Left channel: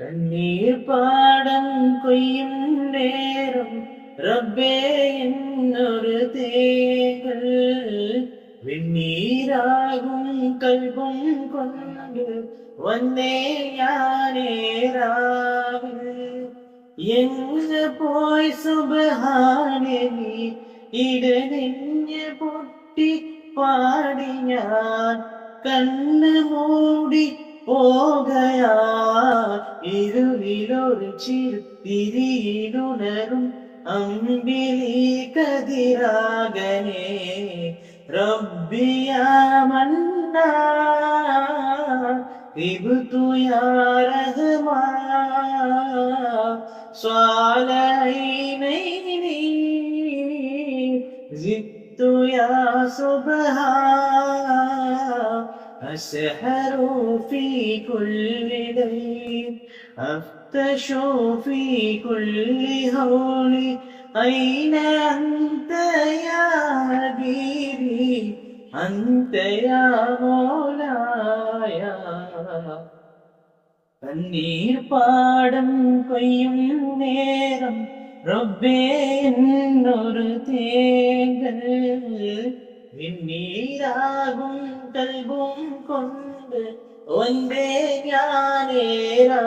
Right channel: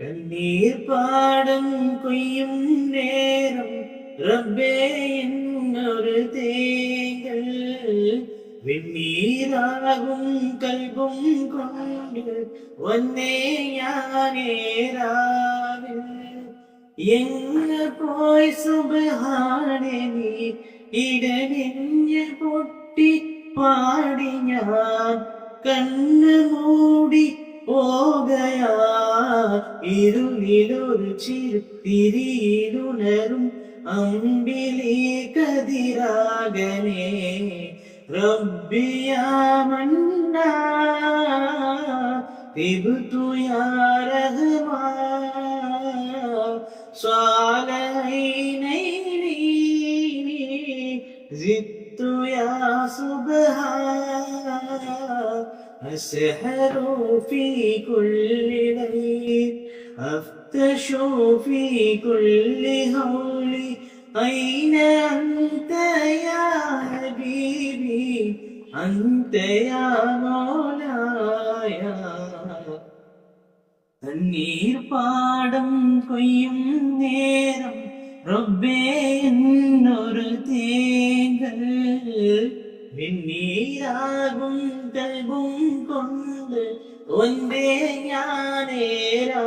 കണ്ണീർ പാടം കൊയ്യും നേരം റബ്ബേ എന്നൊരു തേങ്ങൽ വെണ്ണീരാകും കൽബും കൊണ്ട് വന്നേ ഞാനേരാവിൽ എങ്ങ് പോയി സുബ്ഹാനേ നീ ഇടനെഞ്ഞ് പൊട്ടി പാടി ഞാൻ കണ്ണ് മൂടി പോകയാ ഇരുളിലൊരു തിരിയിലുണരും അമ്പിളി കതിരാകനെ റബ്ബിയാ മന്നാ തിബ്തു യാ റഹ്മാൻ സ്വാലൈനൈനി സിത്തു യാ സുബ്ഹാൻ أسحر في كل ليل أفتش في كل هول أين أنت يا حبيبي أنت يا مولاي തണ്ണീർ പാടം കൊയ്യും നേരം റബ്ബേ എന്നൊരു തേങ്ങൽ വെണ്ണീരാകും കൽബും കൊണ്ട് ഒന്നേ ഞാനേരാവേ